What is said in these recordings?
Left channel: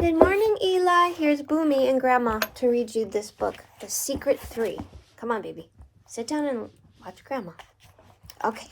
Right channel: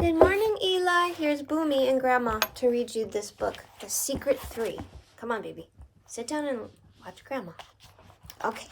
Good morning, Eli. Here's Boomy and Grandma to read you this book, The Secret 3. Come on, baby. Sit down and watch Grandma. Okay.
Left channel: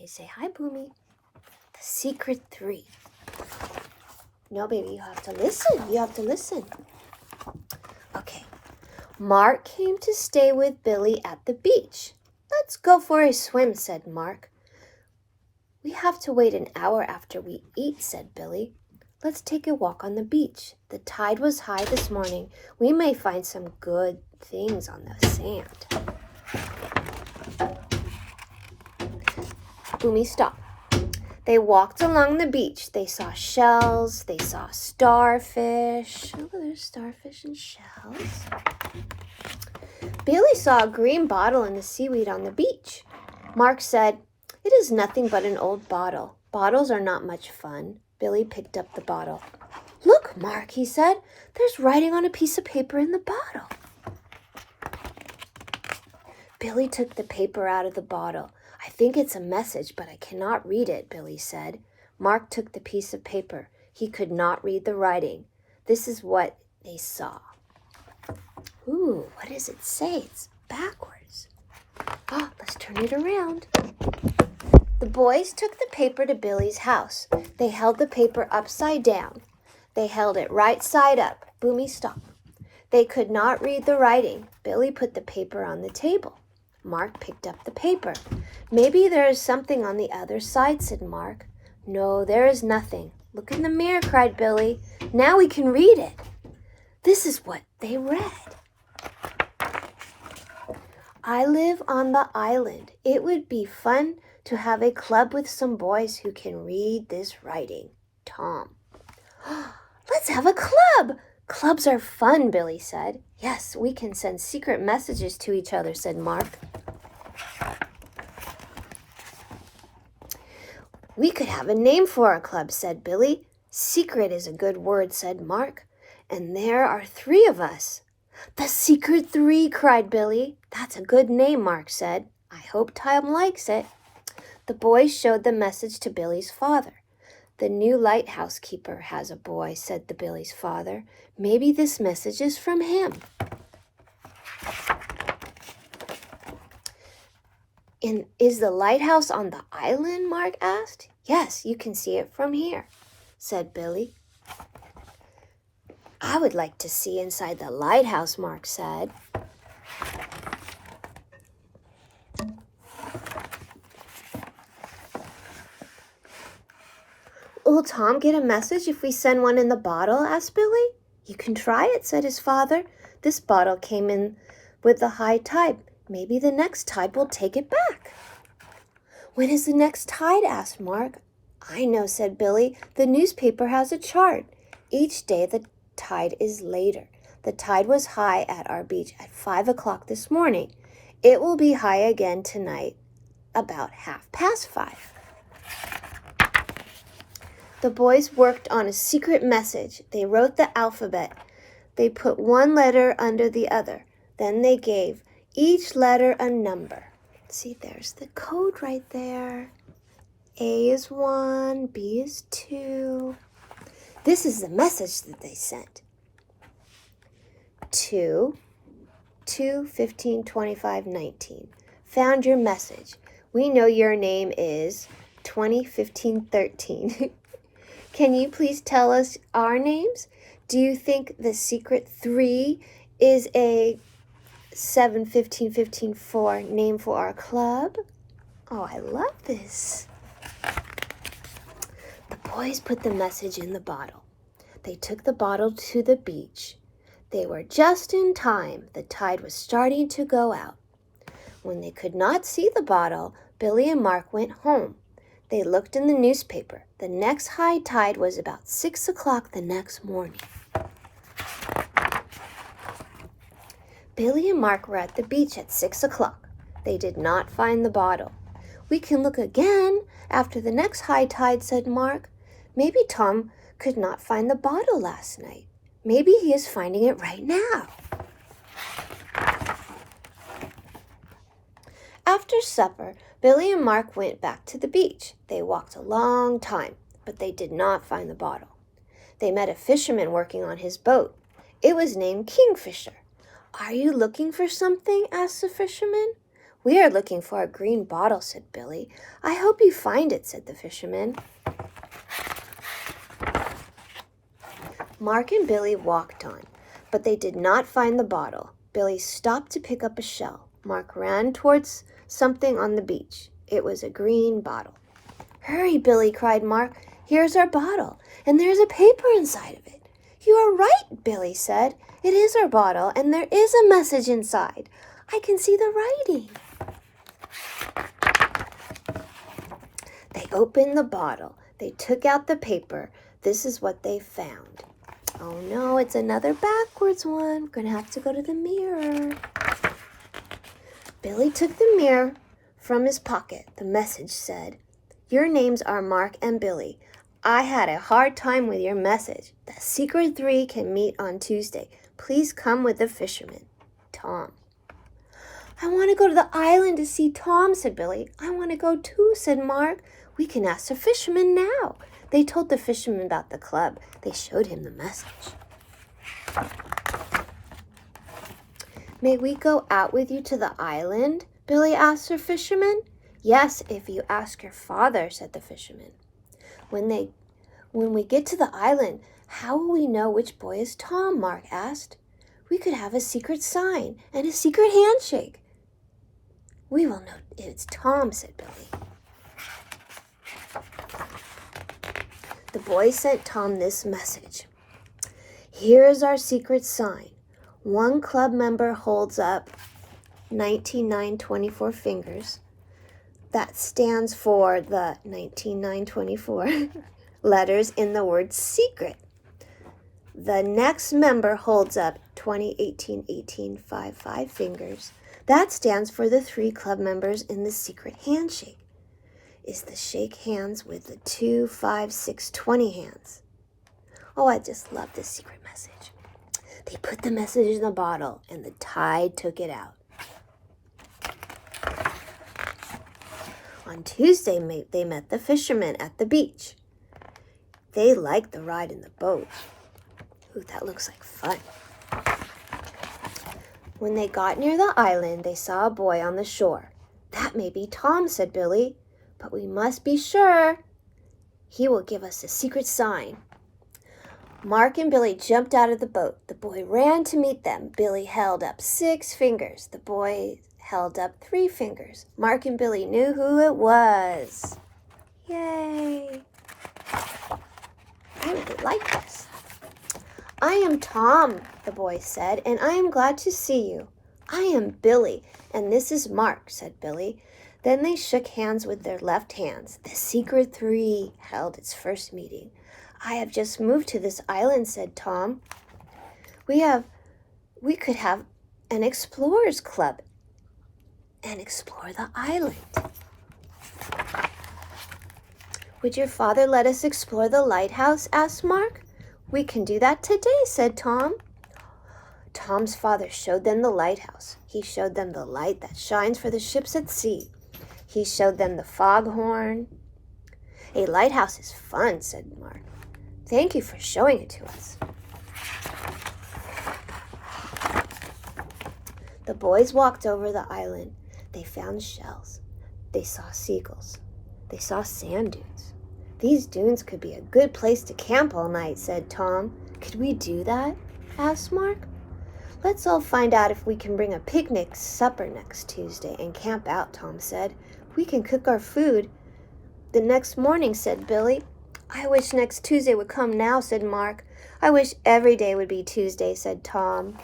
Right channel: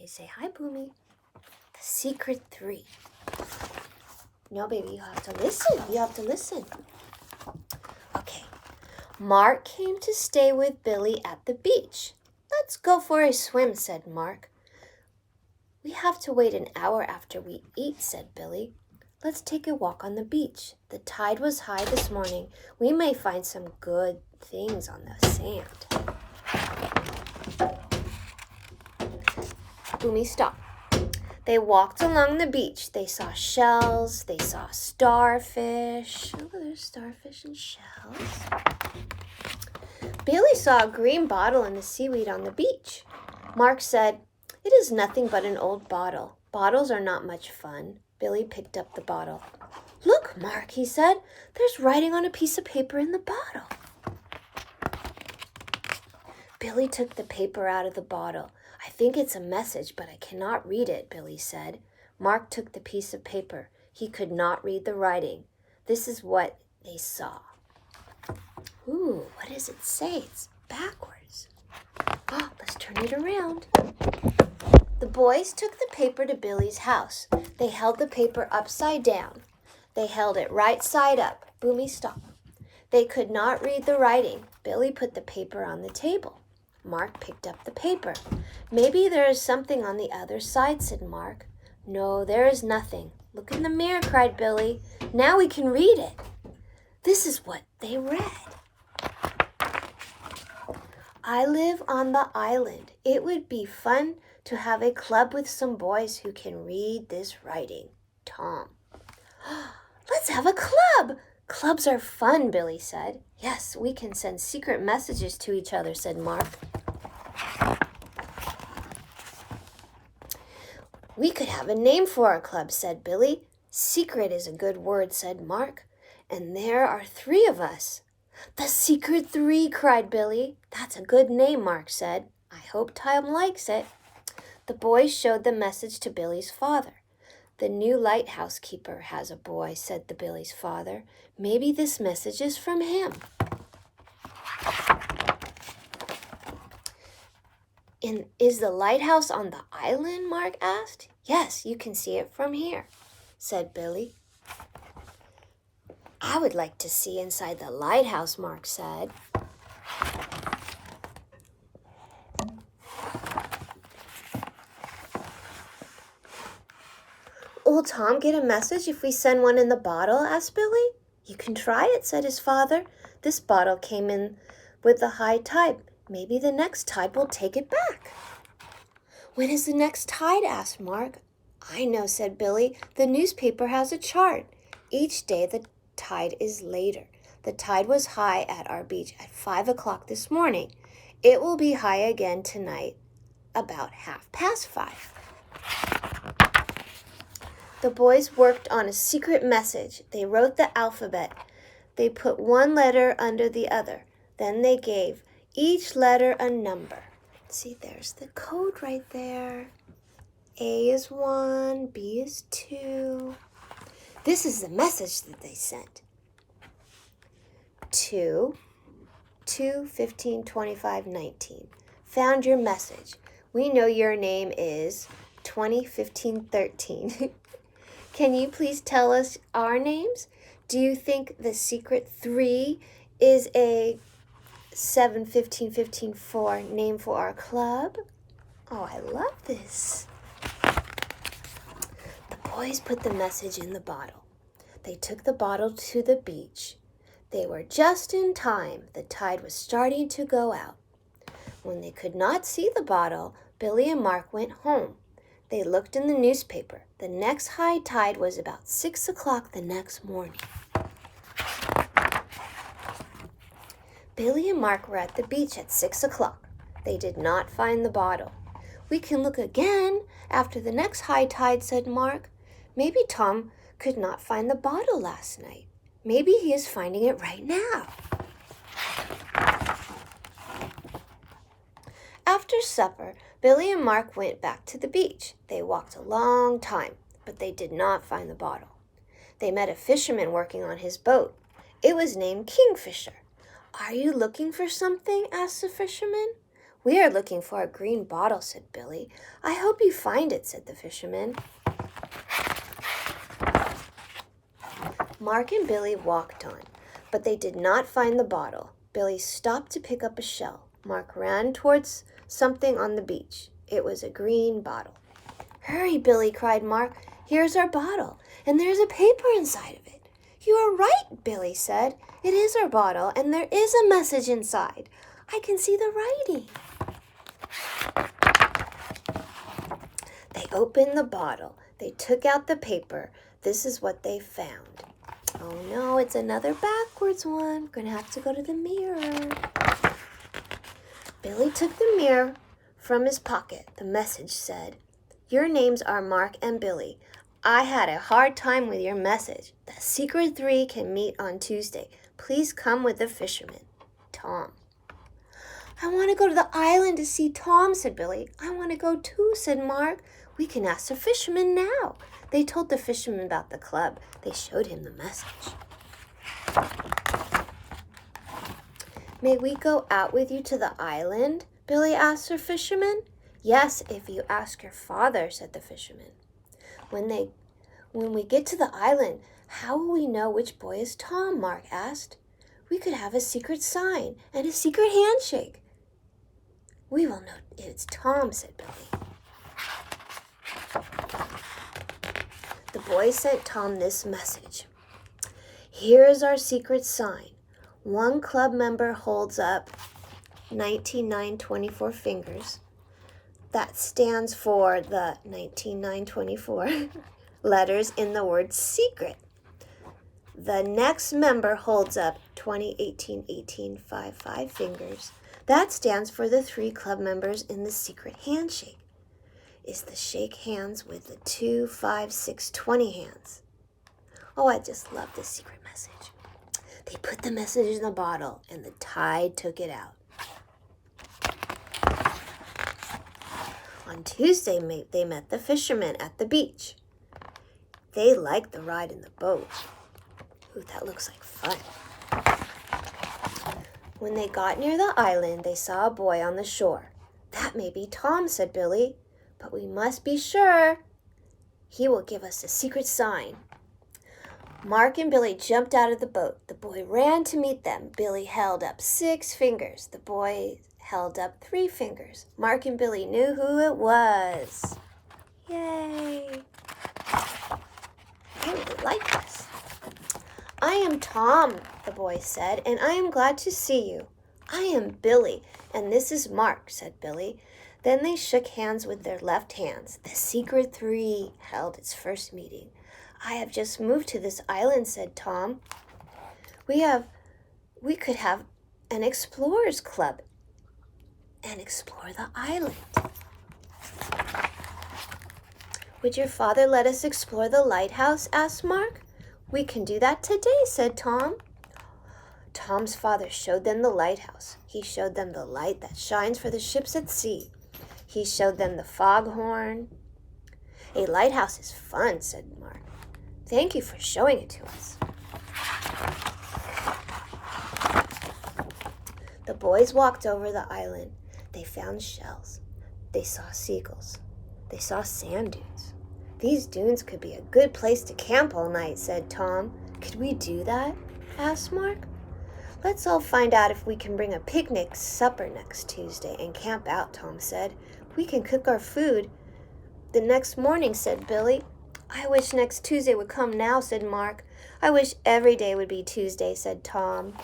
They say, hi, Boomy. The Secret 3. No, baby, you have to listen. You have to listen. Okay. Mark came to stay with Billy at the beach. Let's go for a swim, said Mark. We have to wait an hour after we eat, said Billy. Let's take a walk on the beach. The tide was high this morning. We may find some good things on the sand. Boomy stopped. They walked along the beach. They saw shells. They saw starfish. Oh, there's starfish and shells. Billy saw a green bottle in the seaweed on the beach. Mark said, it is nothing but an old bottle. Bottles are not much fun. Billy picked up the bottle. Look, Mark, he said, there's writing on a piece of paper in the bottle. Billy took the paper out of the bottle. I think it's a message, but I cannot read it, Billy said. Mark took the piece of paper. He could not read the writing. This is what they saw. Ooh, what does it say? It's backwards. Oh, let's turn it around. The boys took the paper to Billy's house. They held the paper upside down. They held it right side up. Boomy stopped. They could not read the writing. Billy put the paper on the table. Mark picked up the paper. Maybe there is something on the other side, said Mark. No, there is nothing. Look in the mirror, cried Billy. Now we can read it. This is what they read. I live on the island. It would be fun to have a club with some boys who can read this writing. Tom. Let's have a club. Clubs are fun, Billy said. Yes, we can send secret messages to each other, said Mark. We could have a name for our club, said Billy. Secret is a good word, said Mark. And there are 3 of us. The Secret 3, cried Billy. That's a good name, Mark said. I hope Tom likes it. The boys showed the message to Billy's father. The new lighthouse keeper has a boy, said the Billy's father. Maybe this message is from him. Is the lighthouse on the island? Mark asked. Yes, you can see it from here, said Billy. I would like to see inside the lighthouse, Mark said. Will Tom get a message if we send one in the bottle? Asked Billy. You can try it, said his father. This bottle came in with the high tide. Maybe the next tide will take it back. When is the next tide? Asked Mark. I know, said Billy. The newspaper has a chart. Each day the tide is later. The tide was high at our beach at 5 o'clock this morning. It will be high again tonight about 5:30. The boys worked on a secret message. They wrote the alphabet. They put one letter under the other. Then they gave each letter a number. See, there's the code right there. A is 1, B is 2. This is the message that they sent. 2, 15, 25, 19. Found your message. We know your name is 20, 15, 13. Can you please tell us our names? Do you think the Secret 3 is a 7, 15, 15, 4 name for our club? Oh, I love this. The boys put the message in the bottle. They took the bottle to the beach. They were just in time. The tide was starting to go out. When they could not see the bottle, Billy and Mark went home. They looked in the newspaper. The next high tide was about 6 o'clock the next morning. Billy and Mark were at the beach at 6 o'clock. They did not find the bottle. We can look again after the next high tide, said Mark. Maybe Tom could not find the bottle last night. Maybe he is finding it right now. After supper, Billy and Mark went back to the beach. They walked a long time. but they did not find the bottle. They met a fisherman working on his boat. It was named Kingfisher. "Are you looking for something?" asked the fisherman. "We are looking for a green bottle," said Billy. "I hope you find it," said the fisherman. Mark and Billy walked on, but they did not find the bottle. Billy stopped to pick up a shell. Mark ran towards something on the beach. It was a green bottle. "Hurry, Billy," cried Mark. "Here's our bottle, and there's a paper inside of it." "You are right," Billy said. "It is our bottle, and there is a message inside. I can see the writing." They opened the bottle. They took out the paper. This is what they found. Oh no, it's another backwards one. We're going to have to go to the mirror. Billy took the mirror from his pocket. The message said, "Your names are Mark and Billy. I had a hard time with your message. The secret three can meet on Tuesday. Please come with the fisherman, Tom." "I want to go to the island to see Tom," said Billy. "I want to go too," said Mark. "We can ask the fisherman now." They told the fisherman about the club. They showed him the message. "May we go out with you to the island?" Billy asked the fisherman. "Yes, if you ask your father," said the fisherman. When we get to the island, how will we know which boy is Tom?" Mark asked. "We could have a secret sign and a secret handshake." "We will know it's Tom," said Billy. The boy sent Tom this message. "Here is our secret sign. One club member holds up 19,924 fingers. That stands for the 19,924 letters in the word secret. The next member holds up 20,18,18,55 fingers. That stands for the 3 club members in the secret handshake. Is the shake hands with the 2, 5, 6, 20 hands." Oh, I just love this secret message. They put the message in the bottle, and the tide took it out. On Tuesday, they met the fishermen at the beach. They liked the ride in the boat. Ooh, that looks like fun. When they got near the island, they saw a boy on the shore. "That may be Tom," said Billy, "but we must be sure. He will give us a secret sign." Mark and Billy jumped out of the boat. The boy ran to meet them. Billy held up 6 fingers. The boy held up 3 fingers. Mark and Billy knew who it was. Yay! I really like this. "I am Tom," the boy said, "and I am glad to see you." "I am Billy, and this is Mark," said Billy. Then they shook hands with their left hands. The secret three held its first meeting. "I have just moved to this island," said Tom. We could have an explorers club and explore the island." "Would your father let us explore the lighthouse?" asked Mark. "We can do that today," said Tom. Tom's father showed them the lighthouse. He showed them the light that shines for the ships at sea. He showed them the foghorn. "A lighthouse is fun," said Mark. "Thank you for showing it to us." The boys walked over the island. They found shells. They saw seagulls. They saw sand dunes. "These dunes could be a good place to camp all night," said Tom. "Could we do that?" asked Mark. "Let's all find out if we can bring a picnic supper next Tuesday and camp out," Tom said. "We can cook our food the next morning," said Billy. "I wish next Tuesday would come now," said Mark. "I wish every day would be Tuesday," said Tom.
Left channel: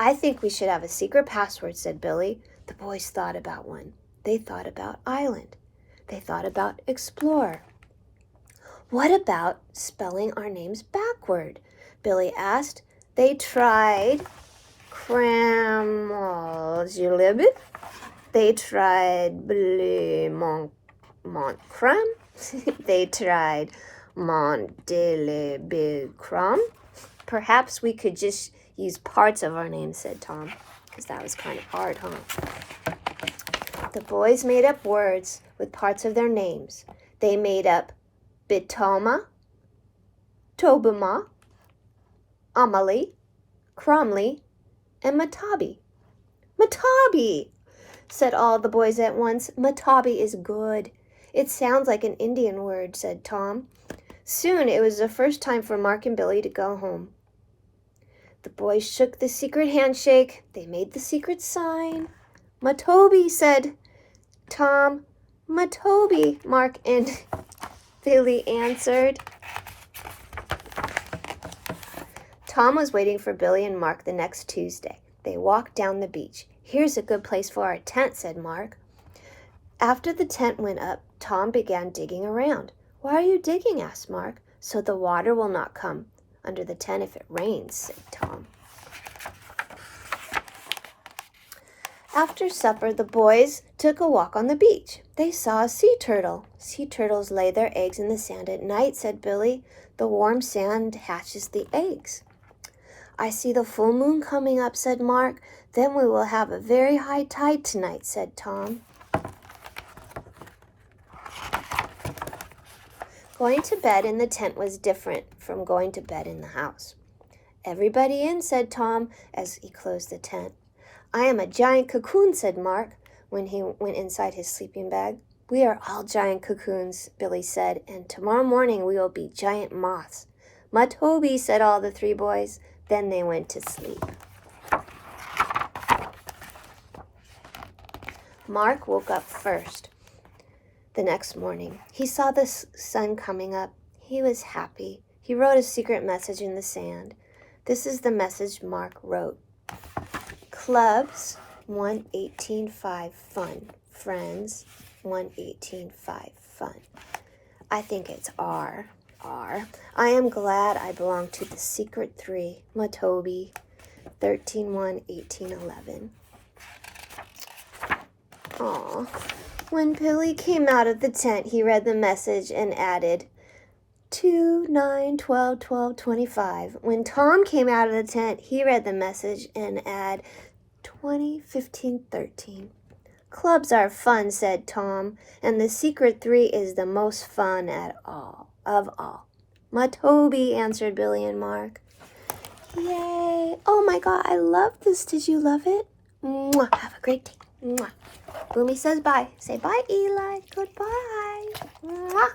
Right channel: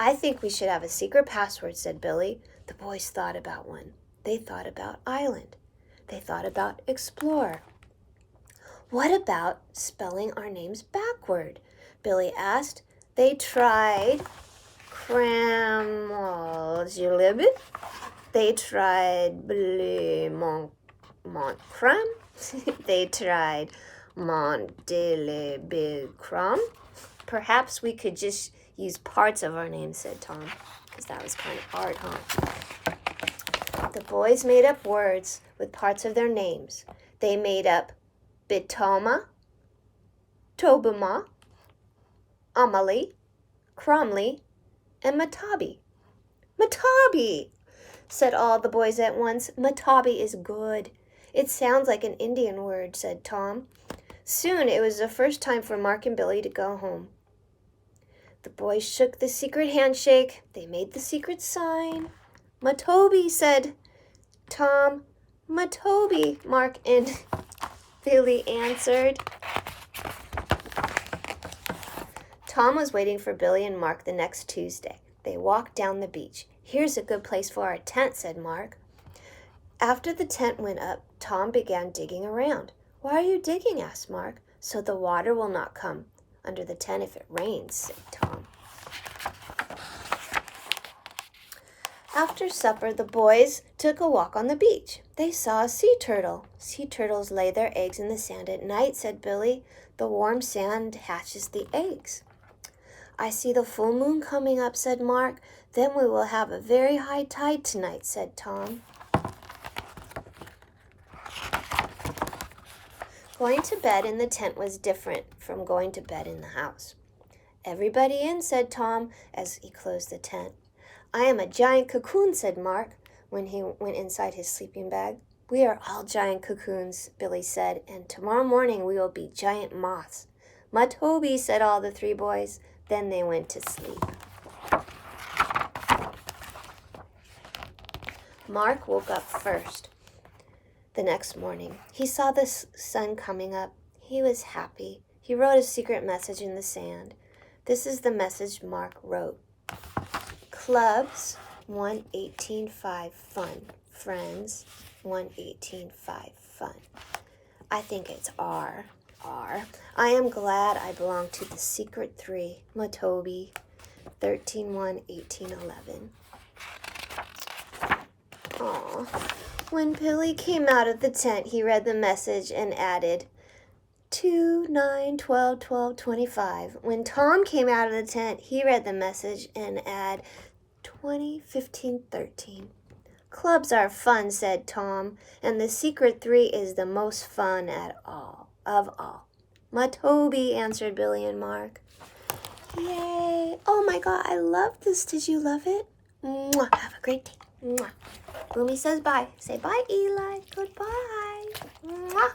"I think we should have a secret password," said Billy. The boys thought about one. They thought about island. They thought about explorer. "What about spelling our names backward?" Billy asked. They tried Cramalgilibit. They tried Montcram. They tried Montelebicram. "Perhaps we could just use parts of our names," said Tom, because that was kind of hard, huh? The boys made up words with parts of their names. They made up Bitoma, Tobima, Amalie, Cromley, and Matabi. Matabi, said all the boys at once. Matabi is good. It sounds like an Indian word, said Tom. Soon it was the first time for Mark and Billy to go home. The boys shook the secret handshake. They made the secret sign. Matobi, said Tom. Matobi, Mark and Billy answered. Tom was waiting for Billy and Mark the next Tuesday. They walked down the beach. Here's a good place for our tent, said Mark. After the tent went up, Tom began digging around. Why are you digging? Asked Mark. So the water will not come under the tent if it rains, said Tom. After supper, the boys took a walk on the beach. They saw a sea turtle. Sea turtles lay their eggs in the sand at night, said Billy. The warm sand hatches the eggs. I see the full moon coming up, said Mark. Then we will have a very high tide tonight, said Tom. Going to bed in the tent was different from going to bed in the house. Everybody in, said Tom as he closed the tent. I am a giant cocoon, said Mark when he went inside his sleeping bag. We are all giant cocoons, Billy said, and tomorrow morning we will be giant moths. Matobi, said all the three boys. Then they went to sleep. Mark woke up first. The next morning, he saw the sun coming up. He was happy. He wrote a secret message in the sand. This is the message Mark wrote. Clubs 118.5 fun. Friends 118.5 fun. I think it's R. I am glad I belong to the secret three. Matobi 13-1-18-11. Aw. When Billy came out of the tent, he read the message and added 2-9-12-12-25. When Tom came out of the tent, he read the message and added 20-15-13. Clubs are fun, said Tom, and the secret three is the most fun of all. Matobi, answered Billy and Mark. Yay! Oh my God, I love this. Did you love it? Mwah. Have a great day. Mwah. Boomy says bye. Say bye, Eli. Goodbye. Mwah.